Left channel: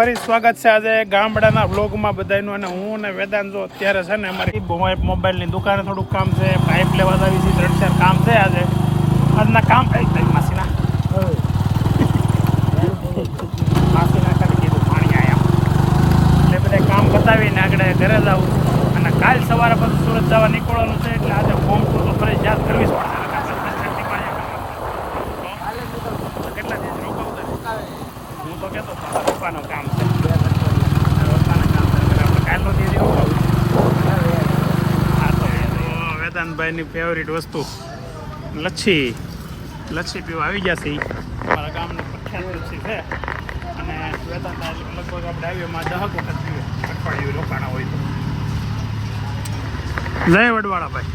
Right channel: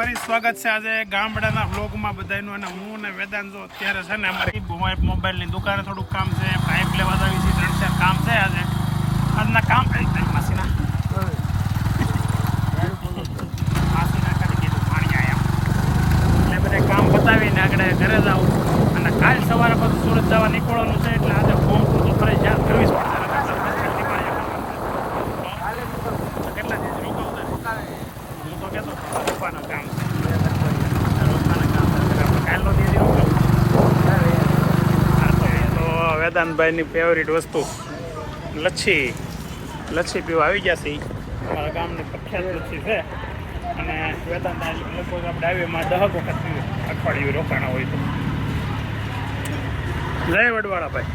ફરી સ્વાગત છે આજે ગામડાના વ્લોગમાં બધાનું અને હું ને વેદાંત જો અત્યારે છે ને અમારી મોબાઈલની દુકાને થોડુંક કામ છે, પાઇપ લેવા આવી છે, 3-4 કામ છે આજે. આજના કામ માસીના માસીના ખાલી કીધું પાણી આવ્યા એટલે બધા કામ પતાવીને આગળ ઘરે જાઉં અને કાલ સવારે પાછું સુરત જવા નીકળવાનું છે એટલે આજે હોમ ટૂર તો ફરજિયાત કરવી જ પડશે. કેટલા દિવસ રોકાવું હું તો કહેતો પપ્પાનું કામ છે, પપ્પાના કામ કાલનો દીદી રોકાવું. હા તો એ તો વેદાંતભાઈની ફેવરિટ વસ્તુ લચ્છી પીવા આવી ગયા છે. મારા ગામનું પ્રખ્યાત લચ્છી છે અને વેદાંત લગભગ આપણે હાઈવેમાં 10 વખત પીવે અઠવાડિયું રોકાણા હોય તો. જય વડવાળા ભાઈ,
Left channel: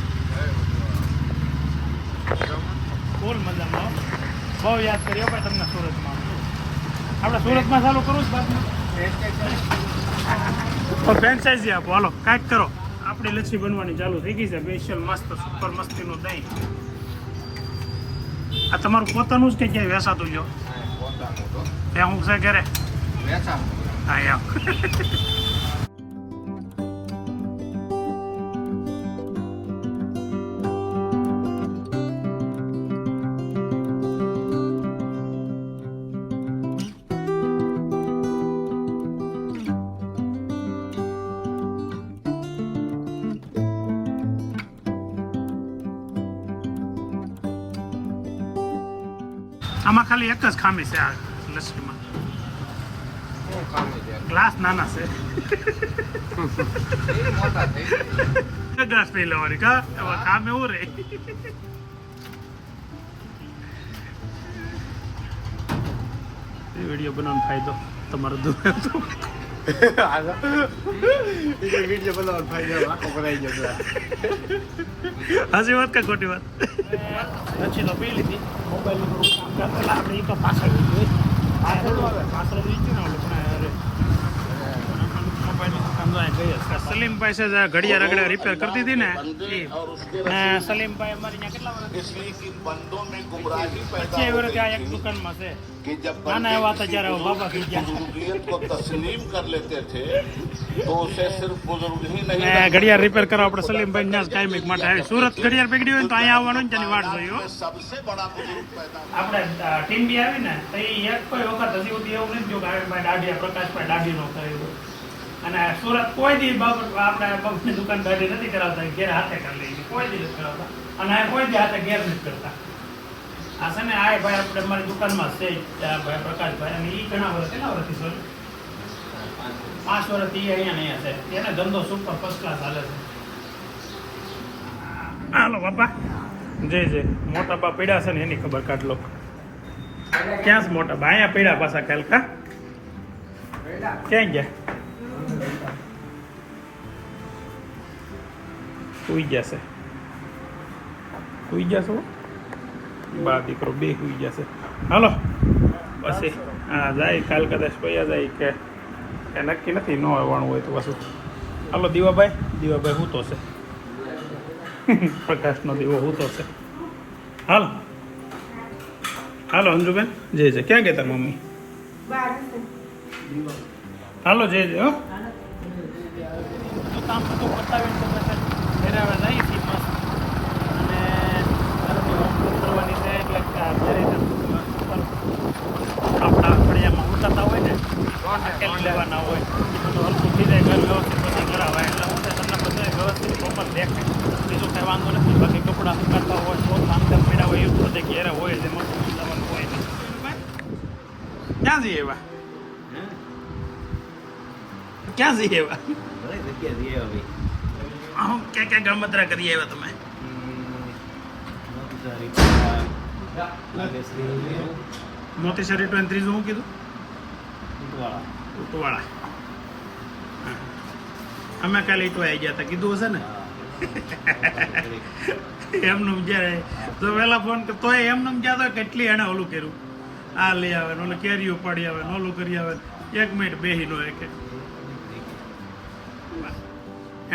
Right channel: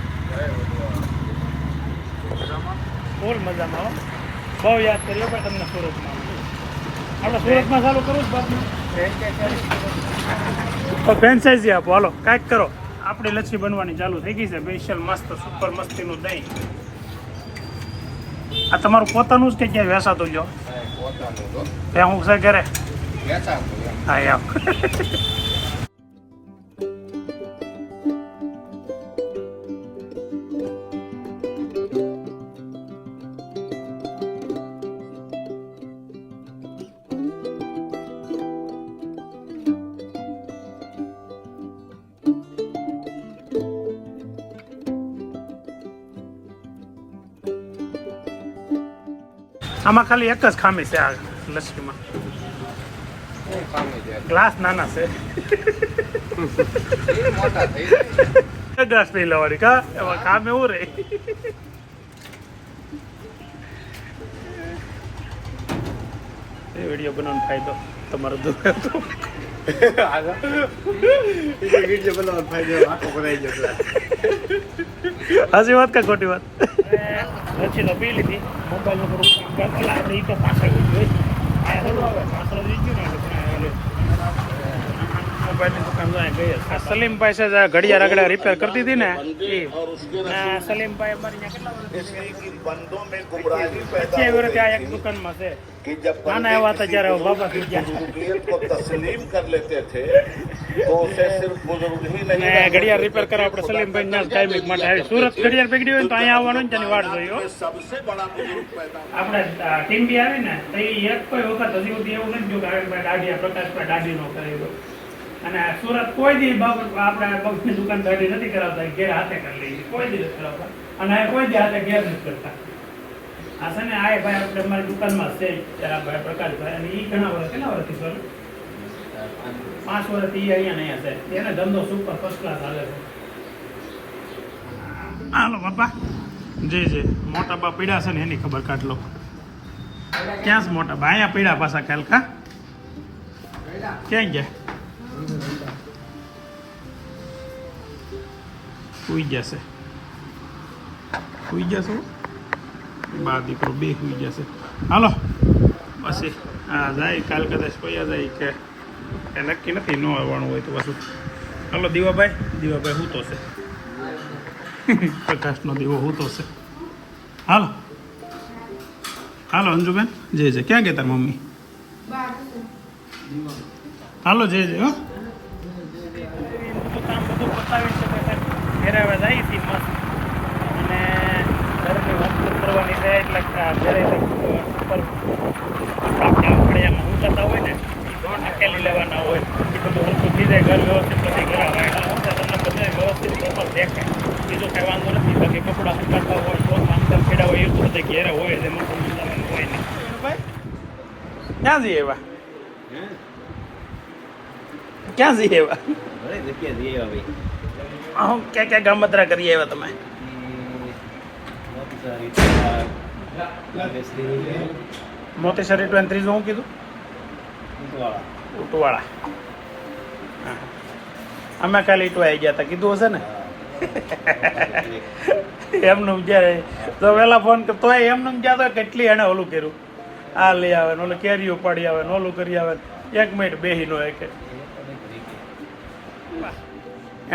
ફૂલ મજામાં હો. બહુ યાદ કર્યો પણ તમને સુરતમાં. આપણે સુરતમાં ચાલુ કરવું જ બાકી તો ફ્રેન્ચાઇઝી આપો, હાલો કાંઈક કરો. આપણી લચ્છી બનવાની ચાલુ થઈ ગઈ છે, સ્પેશિયલ મસ્ત સુપર મસ્તીનું દહીં. આ તમારું પોતાનું જ કે ક્યાંય વેચાતું જો? ત્યાં હું છે ઘરે હા યાર. આમાં ખાલી એક જ ખામી છે આ લસ્સીમાં, ગ્લાસ નાના છે. ગ્લાસ પી લેવાની કા એમાં કામ એવું રે. એ વિડીયો બનાવવાનો ફાયદો તમારો દૂર હતો. હાજી વાત કા ખોટી વાત? લચ્છી તો પી લીધી, મોબાઈલની દુકાન ગઈ. સલીમભાઈ છે ઘડિયાળ આગળ રિપેર કરતી હતી ને સલીમભાઈ અમારી કેટલા વર્ષ આ એક દુકાનમાં છે. નાના એવા હતા જયારે બાબા થઈ ગયા. ઘડિયાળ રિપેર કરવા આપણે સલીમભાઈ ત્યાં કાયમિક માટે આવી. સુરત ઘડિયાળ પકડી હોય તો અહીંયા આવવાનું તેની વાટ જોયો. આપણે ટીમ બી આવી ને તો એક કોઈ વખત હજી સુધી એવું નથી જો કે દાડિયા પ્રકાશભાઈ દાડીનો કર્યો. અને સુરત કોઈ દી આપણે બગની દુકાન દાડી નથી કરાવતા, ઘેર હાથે કરી લઈએ, કોઈ દી નથી કરાવતા. અને કોઈ દી હાથે ઘેર નથી કરતા. આ છે ને આ ભાઈ આપણે અમારી દુકાનમાં છે ભાઈ પ્રકાશભાઈ, અને એ ઘણા વર્ષ કેટલા વર્ષથી સર 5 વર્ષથી અહીંયા છે. એને ધંધો સુપર ફર્સ્ટ ક્લાસ હાલે છે. હાલો બાપા જે મોટા બા પીડા છે ને એની ખબર કાઢ લો. ક્યાં છે મોટા બા? અહીંયા પીડા પાછા કાલ કા ક્યાં ગયા? સુઈ જશે બા દીકરો બે સુઈ જશે. હાલો પછી હા જાય કાલ કદાચ પૈયા જાય કે નક્કી નથી, ન આવવાનું હોય તો પાછું. હાલો દીવાભાઈ હૂતો છે. પ્રકાશનો દીવો હૂતો છે. હાલો અંજુબેન જે ક્યાં ગયા તાર મમ્મી? હાલો જે હો કામ બધું બતાવી ઘરે હવે જાય છે મસ્ત. અને કરવાની છે એટલે ઘરે ફળિયામાં ઉતરતા હોય ને નાખેલી લેવાના હોય એ બધું હરખું બીજે ઘર વ્યવસ્થિત બધી કરાવાય એટલે તમને બધે વ્યવસ્થિત પ્રોપર દેખાય. બીજું કાંઈ વાંધો નથી. બાકી કપડાં સુકાતા હોય તો માંગતા ખેડા હોય એવું બધે ઘેરે હોય છે. ભાઈ ક્યાં જઈએ એવા? ક્યાં જઈએ એવા? ક્યાં ગામતરા કરીએ એવા તમે? મોતીસરી 23 શું કીધું? ઉટવાળા. હા અમે કાલે ઈટવા આવી ગયા હતા કીધું હશે ને. એમનું જ્યારે તો વહેલા ફોન તોય એમનું ગયા તો કેટલી એને ઓલું કર્યું, આ લઈ આવે ને ઓલું કેરી ઉપાડી આવે ને ઓલું કરી આવે. 1 મિનિટ બેહી નો કે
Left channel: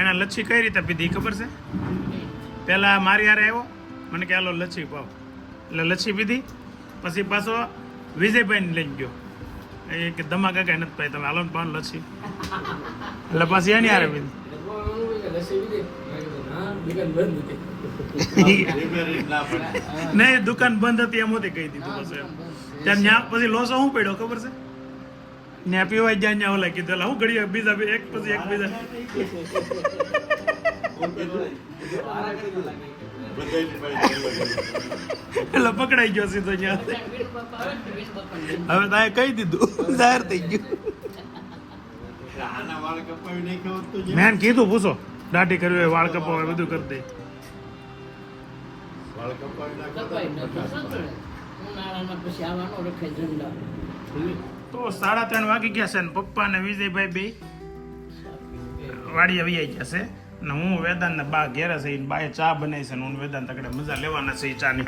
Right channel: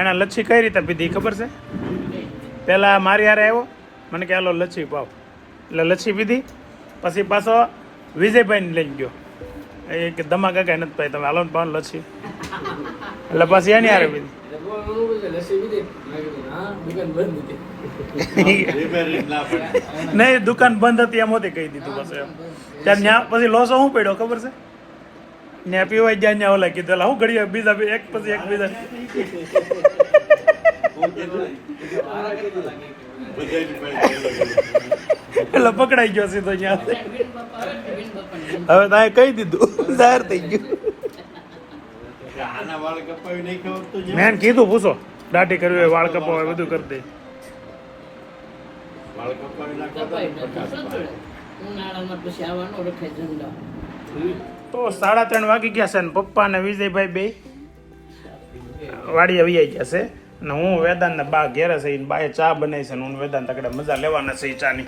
એને લચ્છી કઈ રીતે પીધી ખબર છે? પહેલાં મારી હારે આવ્યો, મને કે હાલો લચ્છી પાવ, એટલે લચ્છી પીધી. પછી પાછો વિજયભાઈને લઈને ગયો એ કે ધમાકા કઈ નથી ભાઈ તમે હાલો ને પાન લસી એટલે પછી એની હારે બધી નહીં દુકાન બંધ હતી એમ હોતી કહી દીધું પછી એમ ત્યાં ત્યાં પછી લોસો શું પડ્યો ખબર છે ત્યાં પીવાય ગયા ત્યાં ઓલા કીધું હું ઘડી બીજા એક પછી એક બીજા એટલે પકડાઈ ગયો સીધો ત્યાં હવે તારે કહી દીધું જાહેર થઈ ગયું મેં કીધું પૂછો દાઢી કરવી હોય વાળ કપાવા હોય બધું કરી દે તો 3:30 વાગી ગયા છે ને પપ્પા ને વિજયભાઈ બે વાડીએ વૈયા ગયા છે અને હું વેદાંત ને બા ઘેરે છે બાએ ચા બનાવી છે ને હું વેદાંત તકડે મજા લેવાના છે ચાની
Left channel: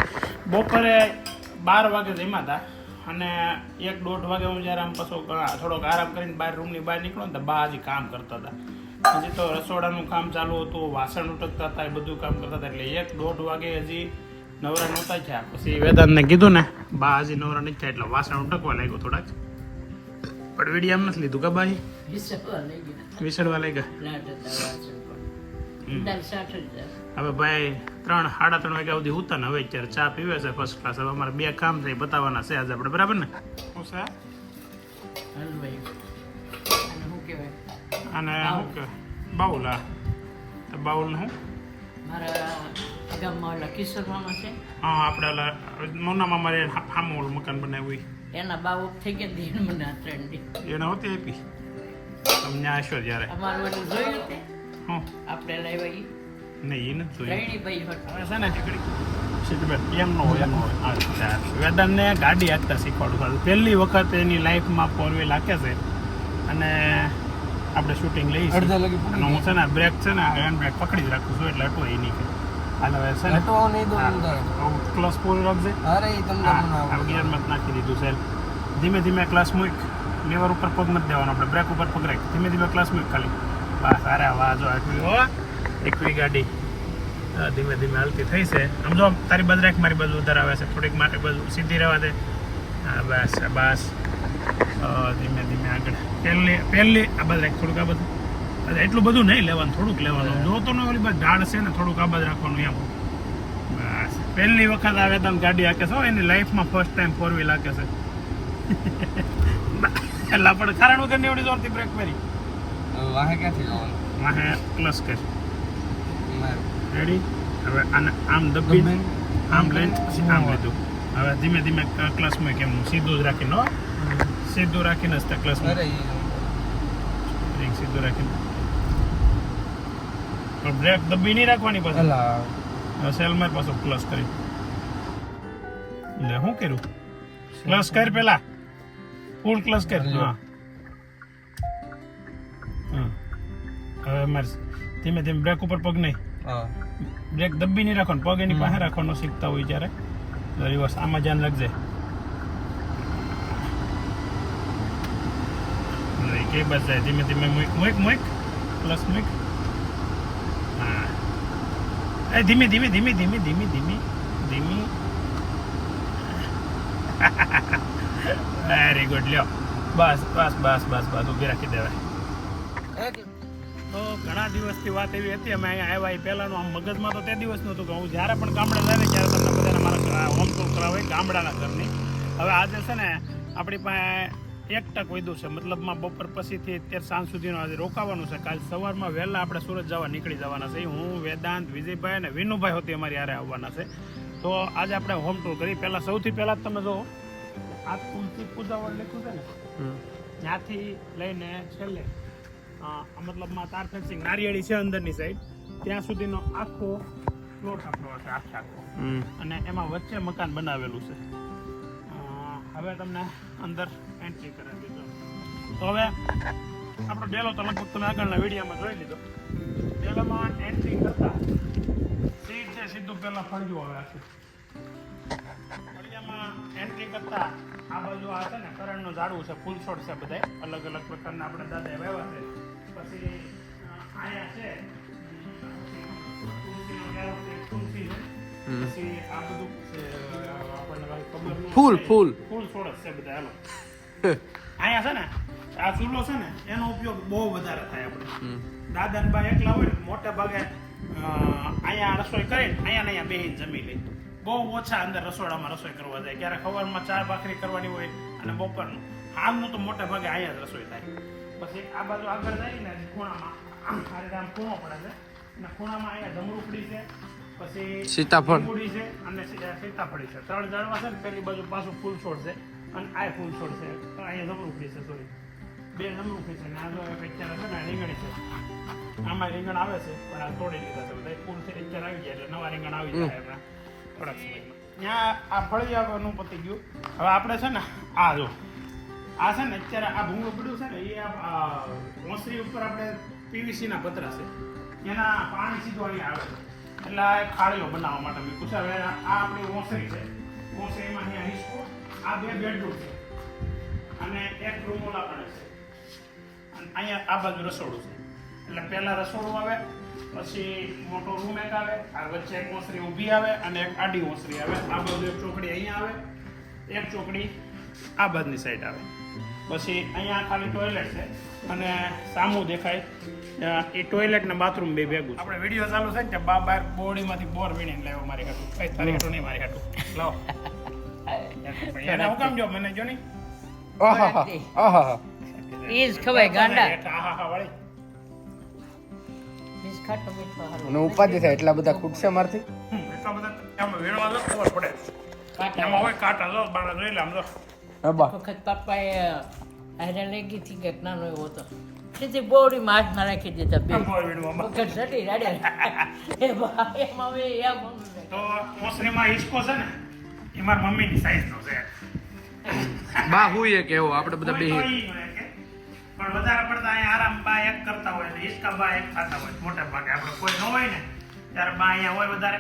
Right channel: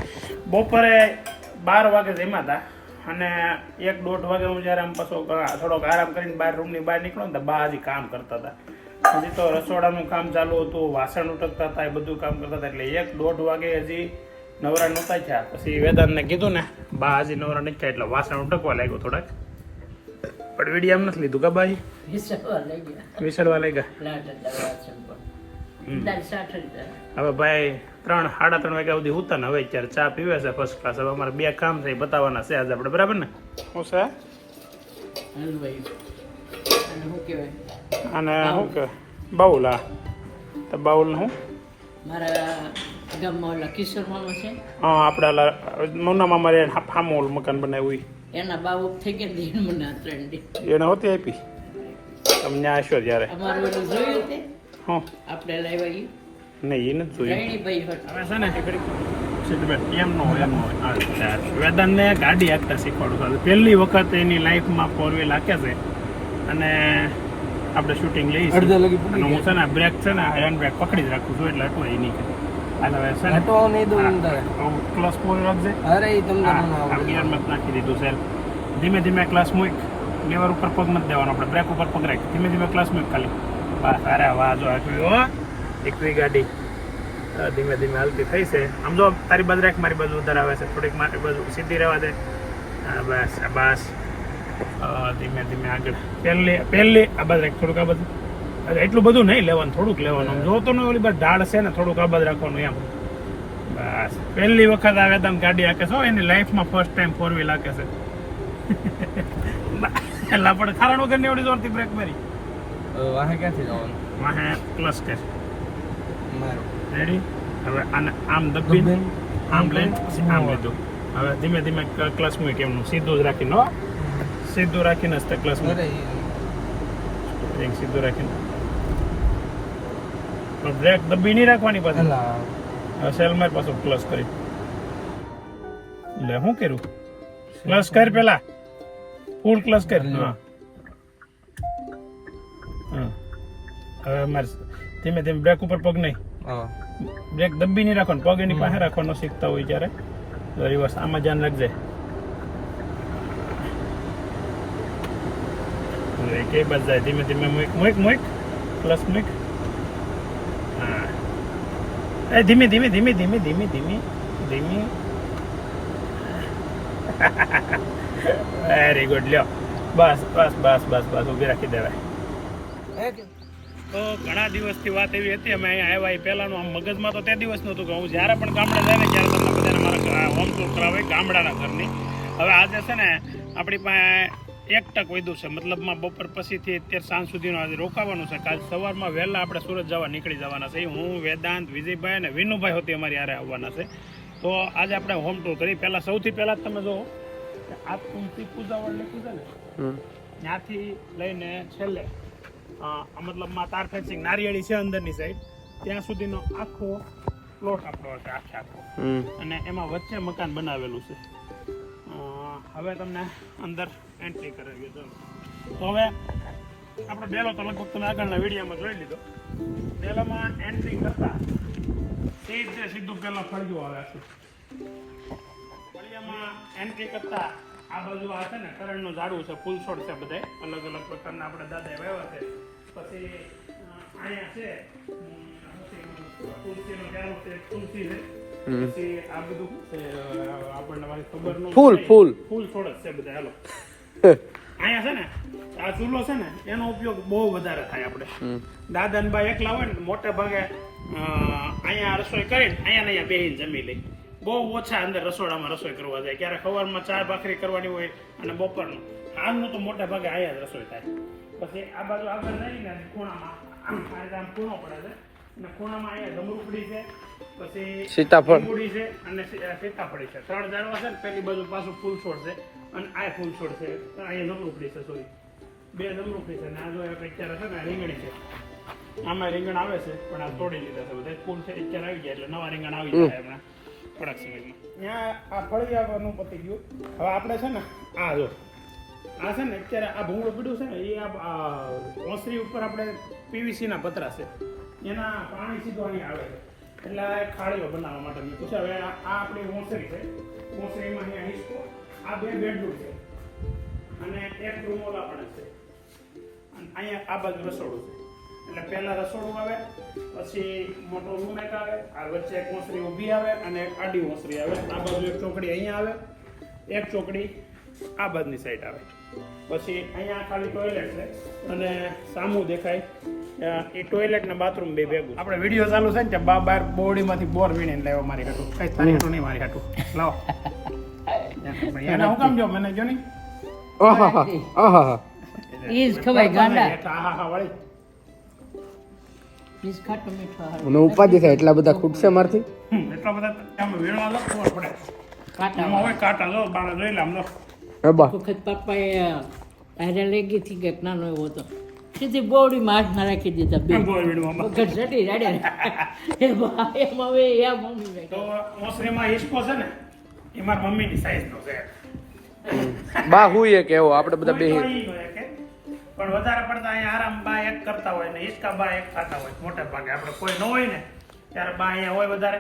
બપોરે 12 વાગે જમ્યા હતા અને 1-1.5 વાગે હું જયારે આમ પાછો થોડોક આરામ કરીને રૂમની બહાર નીકળો ને તો બા હજી કામ કરતા હતા હજી તો રસોડાનું કામ ચાલુ હતું વાસણ ઉટકતા હતા એ બધું કામ કરતા હતા એટલે 1-1.5 વાગે હજી નવરા નહોતા થયા પછી વેદાંતને કીધું ને બા હજી નવરા નથી થયા એટલે વાસણ ઉટકવા લાગ્યો થોડાક પણ વિડીયો એમ નથી લીધું કે બાઈ વિસડવા લાગ્યા હવે ભાઈ 3-3:30 વાગ્યા સુધી ઉતા ને હવે અત્યારે ચા પીવે છે ફર્સ્ટ ક્લાસ હવે અમારે 2 કામ છે બતાવવાના છે આજે આપણે બરાબર ને શું છે અને શું કે બાઉલ તો બાઉલ શું મારા ગામમાં ઓલા કિશોર મામા છે હા આપણે મોના મામા હામોલ મકાન બનાવ્યું એના બાબુ થઈ ગયા મને 3 દી એને હોતી આપી તમને આશો ત્યારે અમારું ઓલું જોયું તે હા આપણે લાવ્યા નહીં એ નથી જોયું ભાઈ હોત હવે છે ને એમ ન હોય વેદાંતને ગાડી હાંકતા શીખવાડું પહેલી વખત એની લાઈફમાં 4 વ્હીલ હાંકે છે અને આપણે શૂટિંગ લઈએ છીએ અને હું છે ને બ્રેક છે ને હેન્ડ બ્રેક પકડી જ રાખું છું એટલે અટવાય નહીં ક્લાસ પૂરી રાખજે ગિયરમાં નાખી દીધું છે ધીમે ધીમે ક્લાસ મૂક લેવર ઉપર પગ નથી દેવાનો આપણે બ્રેક ઉપર પગ રાખી ધીમે ધીમે ક્લાસ મૂક ખાલી બસ અરે વાહ જો આપ્યું એકવી ગાડી ધીમે ધીમે હાલતી થઈ છે આમ જો તારી બાજુ રાખ મારી બાજુ વધારે આવે છે થોડીક માટે બાજુ સીધી રહેવા દે હા બસ બસ ધીમે ધીમે આગળ પહેલી આ બાજુ રાખ થોડુંક આ બધું એટલું બધું નહીં લેવાનું થોડુંક લેવાનું જોતો ને ઓલી બાજુ ઢાળ છે ને થોડુંક આ બાજુ રાખવાનું એમ બસ પહેલી વખત આવે તમે ગાડી હાકે છો એની લાઈફમાં ફર્સ્ટ ટાઈમ 4 વ્હીલ હાકે છે એટલે પણ કારણ વગર ની એવડી જોરથી બ્રેક મારી વાહે ક્યાંથી જવાનું વાહે પ્લસ કર રેડી હવે આને આમ દબી આમ લઈને પછી આમ લીધું હવે ધીમે ધીમે ક્લચ મૂક એમનું સીધું જ રાખીને સીધું રાખીને જ તે ક્લચ સીધું રાખીને પણ બ્રેક દબી નહીં રાખવાની પાછી સેલ માર પાછું ક્લચ કરી લે શું કર્યું ક્લચ કર પેલા ફૂલ ક્લચ કર હા હવે મારે ધીમે ધીમે બ્રેક ઉપર પગ નહીં બ્રેક દબી નહીં રાખવાનો પગ એની પાસે રાખવાનો શીખતા હોય જ્યારે રિવર્સ આમાં ધ્યાન રાખજે કે બસ જાય ધીમે ધીમે મૂક પ્લસ મૂક હા એ ધીમે ધીમે ધીમે ધીમે ધીમે ધીમે ધીમે વેરી ગુડ લ્યો બસ બસ બસ બસ બસ ઊભી રાખી દેવાય તો ઘણા દિવસથી વાત એવી હતી અમે અહીંયા આવ્યા એ પહેલાંનું આમ મગજમાં તો તે દિવસનું હતું કે હું જ્યારે પણ ગામડે જાય ને ત્યારે તમને બધાને મારા હોમ ટૂર કરાવે ગામડાના ઘરની હવે આજે છે ને આપણી પાસે 1 ટક વધ્યું છે મતલબમાં બપોર પછીથી અત્યારે સાંજ સુધીનું આજે રોકાવાનું છે કાલ સવારમાં વહેલા આપણે સુરત જવા નીકળી જવાના છે હું વેદાંત વિજયભાઈ અને વિનુભાઈ હોતી અમારી હારે આવવાના છે તો આજે આપણે હોમ ટૂર કરી પહેલાં સૌથી પહેલાં જ તમે જો આ તુલસી પૂજાવાળું લખ્યું છે ને ત્યાંથી લઈને છેલ્લે મતલબમાં તાર ફેન્સિંગ નારિયેળી છે અંદરની સાઈડ ત્યાં સુધીનો આખો પ્લોટ આપણો હશે આખો અને એમાં વચ્ચે મકાન બનાવેલું છે હવે તમને અંદર એન્ટ્રી કરાવી દો તો હવે આપણો ડેલો તો લગભગ તમે આગળના વિડીયોમાં જોઈ લીધો ડેલોમાં એન્ટ્રી કરતા સીધું પહેલા ફળિયું આવે છે ફળિયામાં એન્ટ્રી કરતા આ બાજુ આ છે ને કરણનું ઝાડવું છે ફૂલ છોડ છે બધા અલગ અલગ પ્રકારના આપણે દાદા વ્યવહાર છે પછી અહીંયા છે તુલસીનો ગાળો છે તુલસી છે પછી આ બધું છે આપણને મારી ખબર ન ફૂલ છોડ છે બધા હાલો અહીંયા છે ને આ ચૂલો છે ને એનો ઉપયોગ બહુ વધારે થાય આપણે દાદા ને બા એકલા હોય ને મોટે ભાગે અહીંયા રસોઈ કરીને અહીંયા બેહીને જમી લે બહુ ઓછા અંદર રસોડામાં રસોઈ કરવા જાય ક્યારે સવારમાં ચા ભાખરી કરવાની હોય અને બપોરનું આમનું તો મોટા ભાગે અહીંયા જ રસોઈ થાય પછી આ બાજુ આગળ જઈને ખૂણામાં આ રીતે આમ ખૂણો પડે છે અને ખૂણામાં અહીંયા જમરૂખડી છે પછી સીતાફળ લીંબુડી છે અને સીતાફળી છે 3 ઝાડવા છે ને પેલી બાજુ પાછું ફૂલ છોડ છે અને આ ફૂલ છોડ છે અહીંયા જમરૂખડી છે સોરી 2 જમરૂખડી છે અને આ જો અત્યારે છે ને રીંગણી છે આમાં રીંગણ આવે છે પણ આ તોડી લીધા છે બધા ફૂલ છે અત્યારે આવી જાય એટલે નવા રીંગણ આવી જાય હમણાં થોડાક સમયમાં ત્યાં આ ફળિયાનું પતી ગયું હવે આપણે છે ને આ જો આ છે ને અત્યારે આ ભૂંગળું પડ્યું છે ને એ આ ઓસરી ઉપર આપણે પીવીસીના પતરા છે એના પાણી સીધું અહીંયા આવે છે એટલે આ એક ખાડીઓ બનાવવા માટે મેં પૂછ્યા હવે આ આપણી ઓસરી છે ઓસરીમાં અહીંયા હિસ્કો આ 2 બેડરૂમ છે અને એક રૂમ ઓલા પડે છે અને અહીંયા આ બાજુ રસોડું છે એટલે પહેલા રસોડું આવે પછી મોટો રૂમ એક આવે આ વચ્ચે એક ઓસરી ઊભી આવે અને એક આડી ઓસરી આવે આ બાજુ એક ચોકડી અહીંયા આવે એક ચોકડી આ બાજુની સાઈડ આવે પછી અહીંયા ખાલી ટોયલેટ છે અને સામું દેખાય એ ટોયલેટ ને બાથરૂમ બે ભેગું આપણે વિડીયો ચાલુ છે ને ત્યાં બહાર બોડીમાંથી બોર વીણીને લાવ્યો મારી કાટું કઈ તારી કાટું નહીં મારી કાટું લાવો એને હું કામ જો મને જો નહીં ઈજ ખવાય ગાંડા હા વળી ઈજ ખાટું મીઠું હારું. અને ઉપાધિ થાય એટલા બધા ખૂટશે મારથી એટલા બધા આમાં વીણવા લો ખબર પડે એમાં હોય કાંટા જો બાળા જોઈ લે આમ જો રબા વખત પપ્પાએ હારે લઈ ગઈ હતી કે નાનો એવો હતો સીધી બોડીમાં હાથમાં રાખી દીધા બે આમ બોર વીણવામાં વખત સટી રાડ્યા એમાં હવે એ મમ્મી તો મોસરીમાં હિસ્કો છે ને એ મારી મમ્મીની સાઈઝનો છે બા હુંય કે એવો આપણે બધા બે કોઈ તો ઈ હોય કે પણ વધારે પડતા અહીંયા આરામ બા એક કરતા હોય ને હિસકા બા એક ખાતા હોય મોટે ભાગે આપણે કોઈ ન હોય ને ત્યારે બા અહીંયા હોય વધારે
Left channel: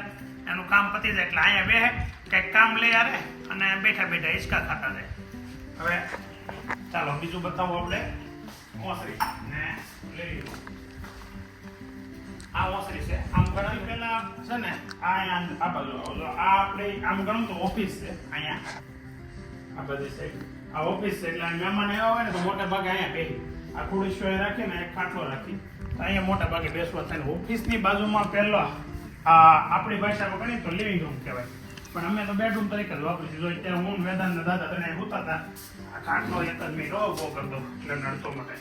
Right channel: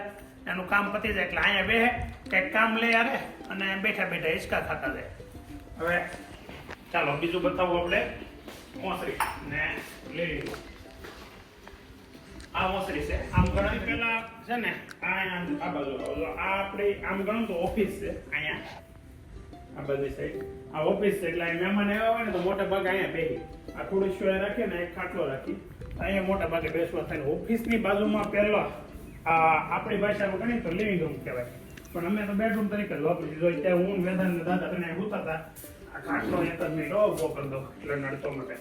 એનું કામ પતી જાય એટલે અહીંયા બેહે કંઈક કામ લઈ આવે અને બેઠા બેઠા હિસકા ખાતા જાય હવે ચાલો બીજું બતાવું આપણે ઓસરી ને લઈ લીધું આ ઓસરી છે આમ ગણવી પહેલા છે ને આ અહીંયા આ બાજુ આવજો આ આપણી આમ ગણું તો ઓફિસ છે અહીંયા આ બધી સાઈડ આ ઓફિસ છે એટલે મહેમાન આવ્યા હોય ને તો મોટા ભાગે અહીંયા બેસી આ ખુરશીઓ રાખીને એક ખાટલો રાખી અહીંયા મોટા ભાગે બેસવા થાય ઓફિસની બાજુમાં પહેલો આપણી ભાષામાં ગણીએ તો લિવિંગ રૂમ કહેવાય પણ અમે તો બેડરૂમ તરીકે જ વાપરી જો અત્યારે હું મેદાન દાદા તને ઉતા હતા આ ખાટલો એક જ મિનિટ ઉભો કરી દો એટલે નડતો માટે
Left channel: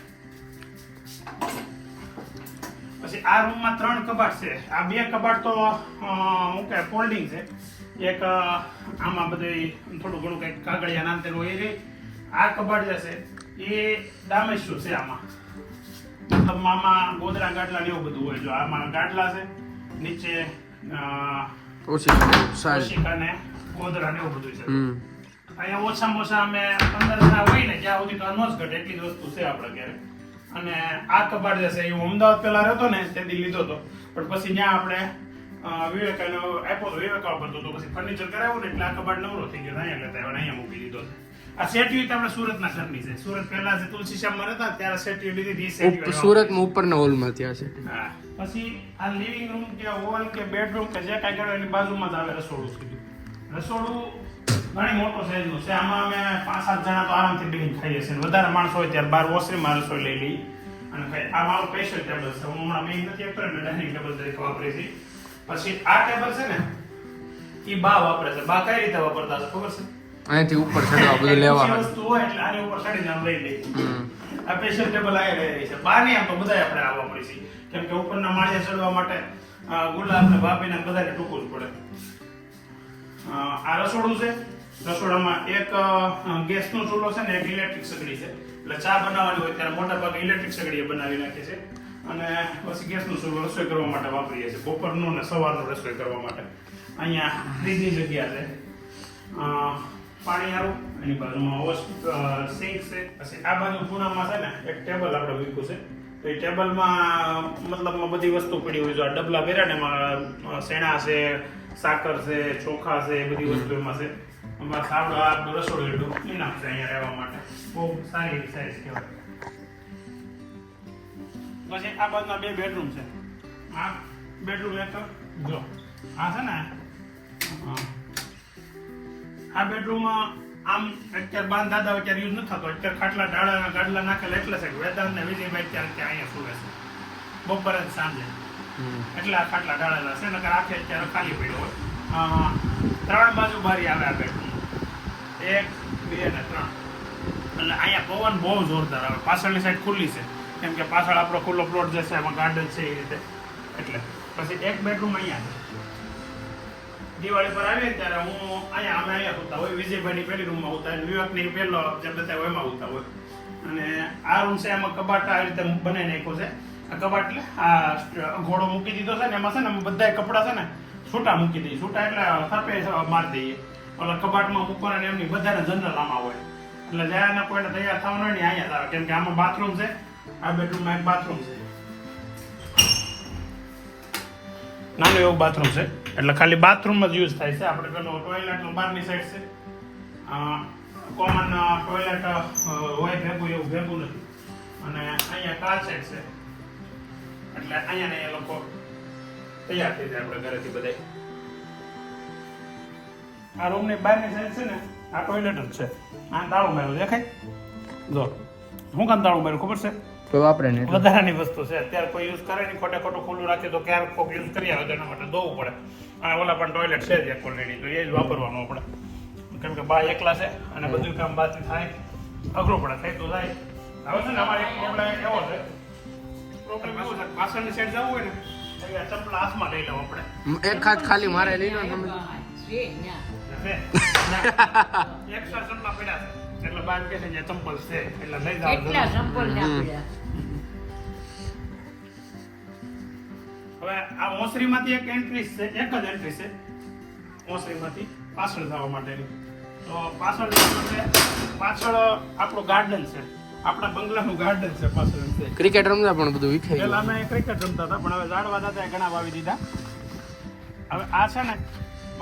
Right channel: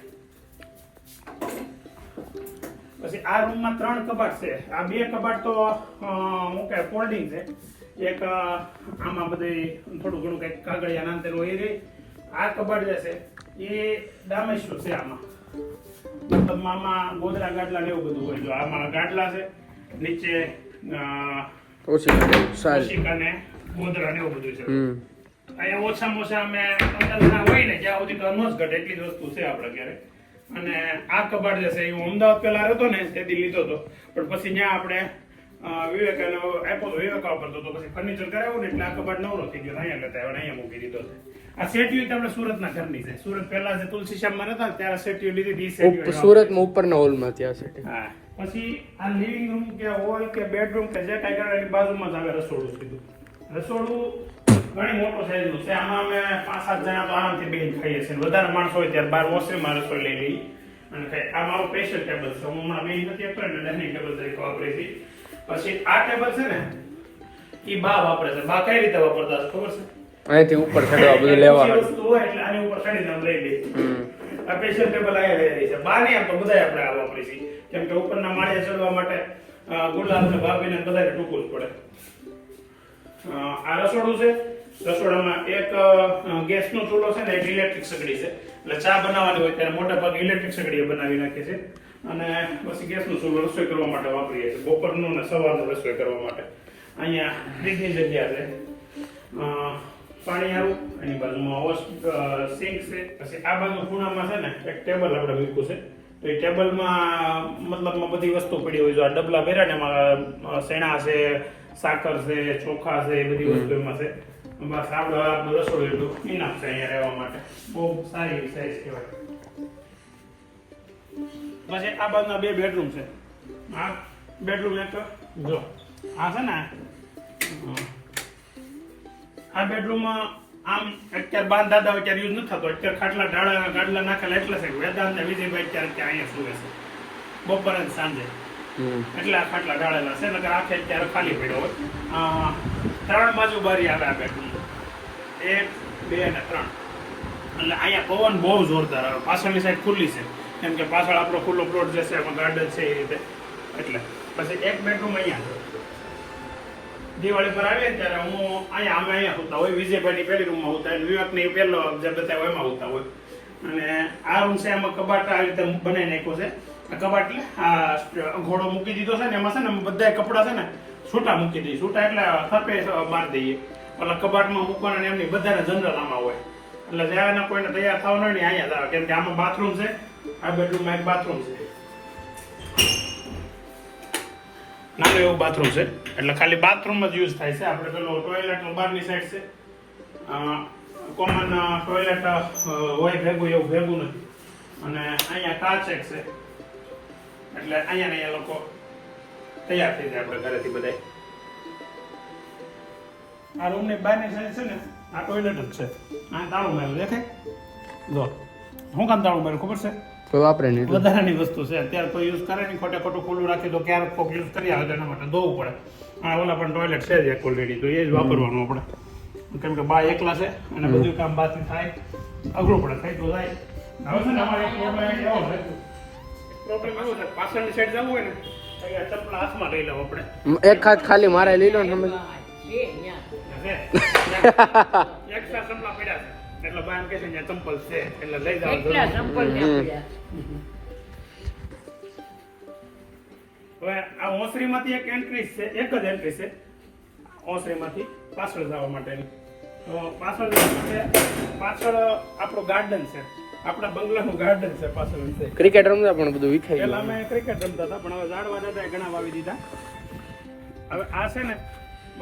પછી આ રૂમમાં 3 કબાટ છે આ 2 કબાટ તો હું કે ફોલ્ડિંગ છે એક આમાં બધી થોડું ઘણું કંઈક કાગળિયા નામ તેનું હોય રહી આ કબાટ જે છે એ ડામેશ્વર છે આમાં મતલબ આમાં ગોદડા ગાડલા ને એવું બધું હોય જો આમાં ગાડલા છે નીચે ઓછી સારી ઓશિકા ને ગોદડા ને એવું બધું છે અહીંયા ઓછામાં ઓછા અમે 15 જણા હોય ને જ્યાં સુધી તો ન જ ઘટે એટલી જ વસ્તુ છે આપણા ઘરે અને આ કબાટ જે છે એ હું અમદાવાદ પહેલા રહેતો ને તેથી લીધો હતો પણ પછી ત્યાં આપણે વિવેકાનો આપ્યો તો વિવેકા ઉપર તો પછી ફર્નિચર કરાવ્યું ને એટલે આ કબાટ નવરો થઈ ગયો અહીંયા લેતા આવ્યો અહીંયા મૂકી દીધો છે આ સેટિયું તો આપણે સુરતના ઘરની છે સુરત પહેલા જે તુલસી શ્યામમાં હતા ને ત્યારે સેટિયું લીધી હતી સેટિયું સુરતમાં ઉપરના હોલમાં ત્યાં છે હા પછી આ લિવિંગ રૂમ કે હોલ કે બેડરૂમ કે જે કાંઈ કરો એની બાજુમાં જ આવે રસોડું સીધું રસોડું ઘણી મોટો સાઈઝનું છે આમાં અમે 5-7 જણા તો આરામથી બેસીને ખાઈએ છીએ વધારે માણસો હોય ત્યારે બહાર ઓસરીમાં રસોઈ લઈ લઈ અને આ મારું સ્પેશિયલ ટેબલ છે હું હમણાં બેન નથી આપતો ને ડાઇનિંગ ટેબલ તરીકે વાપરી છે પછી આ ટેબલ છે ને એ બા વાપરે છે બા કઈ રીતે વાપરતા હશે ખબર છે અહીંથી ઉપર ચડવા બધું લેવા ઓછી વસ્તુ હોય એટલે આની ઉપર ચડીને આમ લઈ લઈએ આ સ્પેશિયલ ટેબલ આ રહી છે બા નહીં આમ તો બધા આપણે આ વાપરી છે કેમ કે ઉપરના માળિયા ચડવા માટે ગુલાબ ને ભાભીને બધાને ટૂંકું જ પડે આ રસોડું છે રસોડામાં એક ગેસનો ચૂલો છે ને એક ઇલેક્ટ્રિક સગડી છે એટલે ચા બનાવવાની હોય ત્યારે મોટા ભાગે ઇલેક્ટ્રિક સગડીએ બનાવી નાખે છે અને પછી ગેસનો ચૂલો રસોઈ કરવા માટે વાપરીએ છીએ બપોરનું ને સવારનું રસોઈ કરવા માટે અહીંયા ફ્રીજની જગ્યા છે પાણી આવું એની બાજુમાં સિંક છે પછી આ બાજુ ખૂણામાં છે ને એક ટેબલ આપણે મૂક્યું છે તો એ ટેબલમાં મતલબમાં બધી વસ્તુ પડી હોય જો આ ડબલા ભર્યા ને એમાં શેણા છે સાકર છે ચોખા છે એ બધી વસ્તુ એમાં છે એમાં સારું આ રસોડું એટલું ઇનાફ છે અહીંયા રહેવા માટે બહુ સારી સાઈઝ કહેવાય પછી આ બાજુના 2 બેડરૂમ છે આ બેડરૂમ એક જો આ છે ને આ બેડરૂમમાં આમ અત્યારે બાંધ દાદા અત્યારે યુઝ નથી થતો. અત્યારે ખાટલા ગાડલા નાખેલા એટલે છે વેદાંત ને વિજયભાઈ અત્યારે ત્યાં અહીંયા સુવે છે બપોરે સાંજે. એટલે આ ખાટલા ઢાળેલા છે નકર આખે અત્યારે ખાલી પડ્યો હોય. 3 બાજુ બારી આવે આ બેડરૂમ, 1, 2 અને 3. એટલે અહીંયા પવન બહુ જોરદાર આવે. પાછળની સાઈડ ખુલ્લી છે કેમ કે પાછળ આપણો ખુલ્લો પ્લોટ જે છે એમાં ગાર્ડન છે એ રીતે. એટલે પછી એક બેડરૂમ અહીંયા છે. દિવાળી પર આવીએ ત્યારે હું અહીંયા સુતા હોય, વિજયભાઈની પહેલી રૂમમાં સુતા હોય, વિવેકની પહેલો જે બતાવ્યો એમાં સુતા હોય. અને આ રૂમ છે એમાં કબાટ આ રીતે બનાવી નાખ્યું છે. આ કબાટ એટલે આ ઘોડો મૂકી દીધો છે ને એમાં છે ને બધા કપડાં છે ને છૂટા મૂકી દઈએ. છૂટા એટલે થપે મારી દઈએ. ઓલા કબાટમાં મૂકવાના એમની બધાને જનરલ આમાં હોય. એટલે જ્યાં કોઈને તૈયાર થવાનું હોય ને અહીંયા જ આવે કેમ કે આમાં બાથરૂમ છે. આ બેડરૂમમાં એક બાથરૂમ છે, નાનું એવું બાથરૂમ છે. એટલે ખાલી બાથરૂમ જ યુઝ થાય છે. આપણે પેલો ટોયલેટ બહારની સાઈડ છે, કોમન ટોયલેટ હોય ભેગું એવું ભેગું નથી. અને અહીંયા કાચ એક છે એટલે અહીંયા લોકો તૈયાર થઈ જાય આપણે ઘરેથી બધા. આ રૂમની બહારની સાઈડ છે ને આ ટોયલેટ જ છે. આ તાળું માર્યું દેખાય જો. શું કામ તાળું માર્યું ખબર છે? તો વાપરે નહીં, વધારાની વસ્તુ છે. અત્યારે કોઈ યુઝ કરે નહીં, ખોટું ખુલ્લું રાખી તો ક્યારેક કોઈ યુઝ કરી આવે તો એના માટે ધોવું પડે. અને ઓલા પણ ટોયલેટ છે જ એક ઓલરેડી, તો એ જ વાપરવાનું આપણે. કેમ કે બા એકલા છે અને બધું કામ બાથી થાય અઘરું પડે. થાય તો થાય. હવે છે ને અમારે એક પ્રોબ્લેમ એવો છે, પાછળની સાઈડ જવું હોય ને અહીંયા ચપ્પલ હાથમાં લઈ લેવું આપણે. એક હાથ ખાલી મારે લઈ લો ને તમે. એક્સ્ટ્રા ચપ્પલ પડ્યા છે એટલે બાન કે છે અહીંયા ચંપલ છે એટલે લઈ જાવ. હવે આ ઓસરીમાંથી એક એન્ટ્રી છે, એક જ એન્ટ્રી છે ઓસરીમાંથી પાછળ જવા માટેની. તો પાછળ આપણું ગાર્ડન છે, આપણા બંગલાનું ગાર્ડન છે પાછળ. ક્રિકેટ રમતા પણ બધું વિખાઈ પેલા ગયું. અમે ક્રિકેટ રમતા હતા પણ હવે ઝાડવા દાદા ઘણા વાવી દીધા. હવે આ છે ને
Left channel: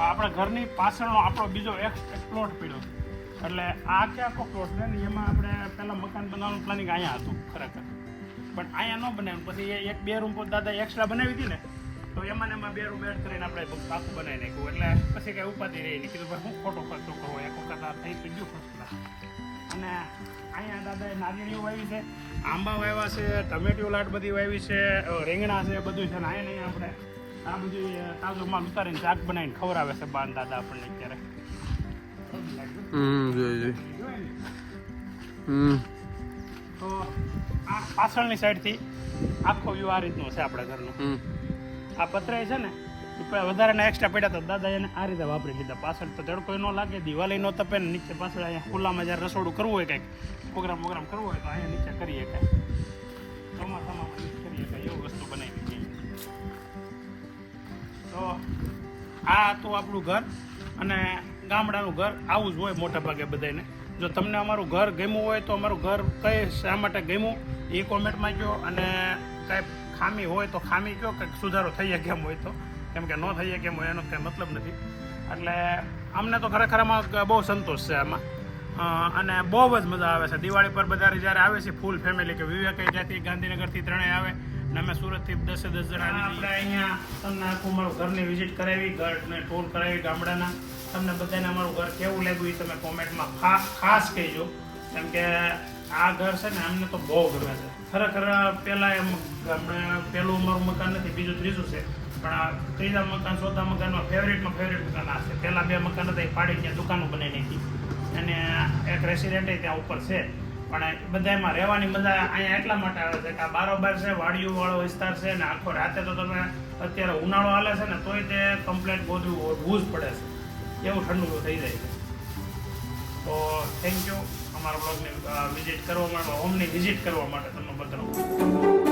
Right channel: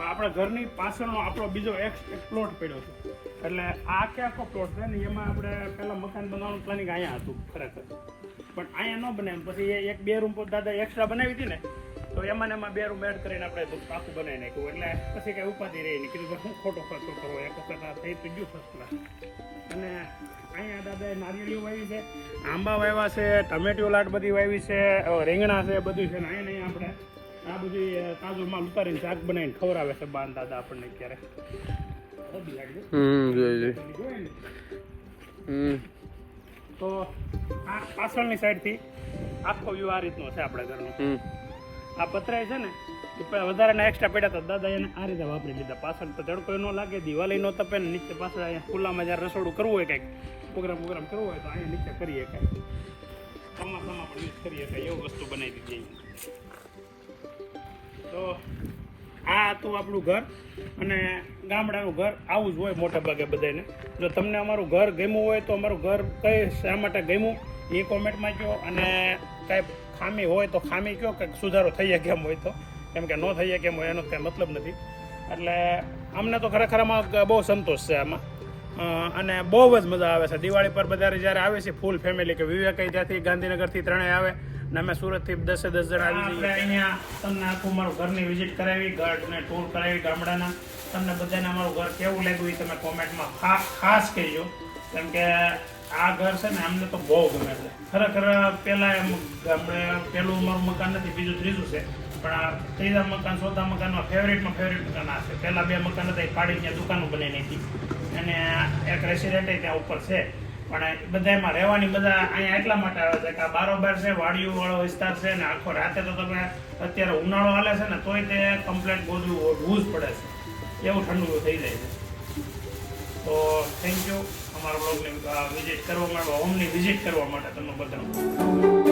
આપણા ઘરની પાછળનો આપણો બીજો એક પ્લોટ પડ્યો છે. એટલે આ કે આખો પ્લોટ છે ને એમાં આપણે પેલા મકાન બનાવવાનું પ્લાનિંગ અહીંયા હતું ખરેખર, પણ અહીંયા ન બનાવ્યું. પછી 1-2 રૂમ દાદા એક્સ્ટ્રા બનાવી હતી ને તો એમાં 2 રૂમ એડ કરીને આપણે આખું બનાવી નાખ્યું. એટલે પછી કઈ ઉપાધિ રહી નહીં. કીધું ભાઈ હું ખોટો ખર્ચો કરવો, એક વખત થઈ તો ગયું ફર્સ્ટ. અને અહીંયા દાદાએ નારિયેળીઓ વાવી છે, આંબા વાવ્યા છે, ટમેટીઓ લાટ બધી વાવી છે, રીંગણા છે, બધું છે. ને અહીંયા આપણે આ બધી તાજું માલ ઉતારીને શાક બનાવીને ખવડાવે છે બાન દાદા આપણને અત્યારે. તો આ પાછળની સાઈડથી આખો વ્યૂ આ રીતનો છે આપણા ઘરનો. આ પતરાઈ છે ને વધારે એક્સ્ટ્રા પડ્યા હતા દાદા એને આ રીતે વાપરી લીધા. પાછળ તો તડકો ન લાગે, દિવાળી નો તપે ને નીચે પાછળ અહીંયા ખુલ્લામાં જ્યારે રસોડું કરવું હોય કંઈક પ્રોગ્રામ કરવો હોય તો અહીંયા નીચે કરીએ કંઈક ચોમાસામાં પણ યુઝ કરીએ કંઈ એવું વસ્તુ બનાવી દઈએ. તો આ તો આપણું ઘર અને ગામડાનું ઘર આવું જ હોય મોટા ભાગે બધાને. જો તમને અમારું ઘર ગમ્યું હોય તો અમારું ઘર કઈ શા માટે ગમ્યું એ કોમેન્ટમાં કહો. અને કાંઈ ખામી હોય તો ખામી કહો, કંઈક સુધારો થઈ જાય કેમ હોય તો, કેમ કે ન થઈ જાય કેમ હોય એનો કંઈ મતલબ નથી. એટલે અમને તો ખરેખર આમાં બહુ સંતોષ છે આમાં. અને બહુ જ મજા આવે છે દિવાળી પર બધા જ્યારે આવે છે ફૂલ ફેમિલી. કે વિવેક ત્યાંથી ગાંધીનગરથી 3 આવે ને અમે સુરતથી 10 જણા આવી જઈએ. અહીંયા તમને આખું અમારું ઘરની વિઝિટ કરાવી, ગાર્ડને ટૂર કરાવી ગામડાના. તમને બધાને અમારું ઘર કેવું લાગ્યું એ તમે કોમેન્ટમાં ખાસ કહેજો. કેમ કે આ ઘર છે ને અમને તો બહુ ગમે છે ખરેખર. પહેલાં ગામડે પહેલું અમારું મકાન નથી, બીજું ત્રીજું છે, પણ આ ત્રીજા મકાન ચોથા મકાનમાં ફેવરેટ મકાન આ છે. પહેલાં 2 મકાન હતા એ પાડીને ત્યાં દુકાનો બનાવી નાખી અને એક રેસિડેન્ટ ત્યાં ઉપર છે. પણ બધામાં રહેવાની મજા અહીંયા એટલા માટે આવે છે કે આ બારોબાર છે, વાડીઓ વાળો વિસ્તાર છે ને આખો રાતે તો તમે અત્યારે ઉનાળો હાલે છે ને તોય તે કમ્પ્લેટ ગોધવું જ પડે છે, એવું ઠંડુ થઈ જાય છે. તો થેન્ક યુ અમારા બ્લોગને વિઝિટ કરવા માટે, હોમની વિઝિટ કરવા માટે તમે બધા.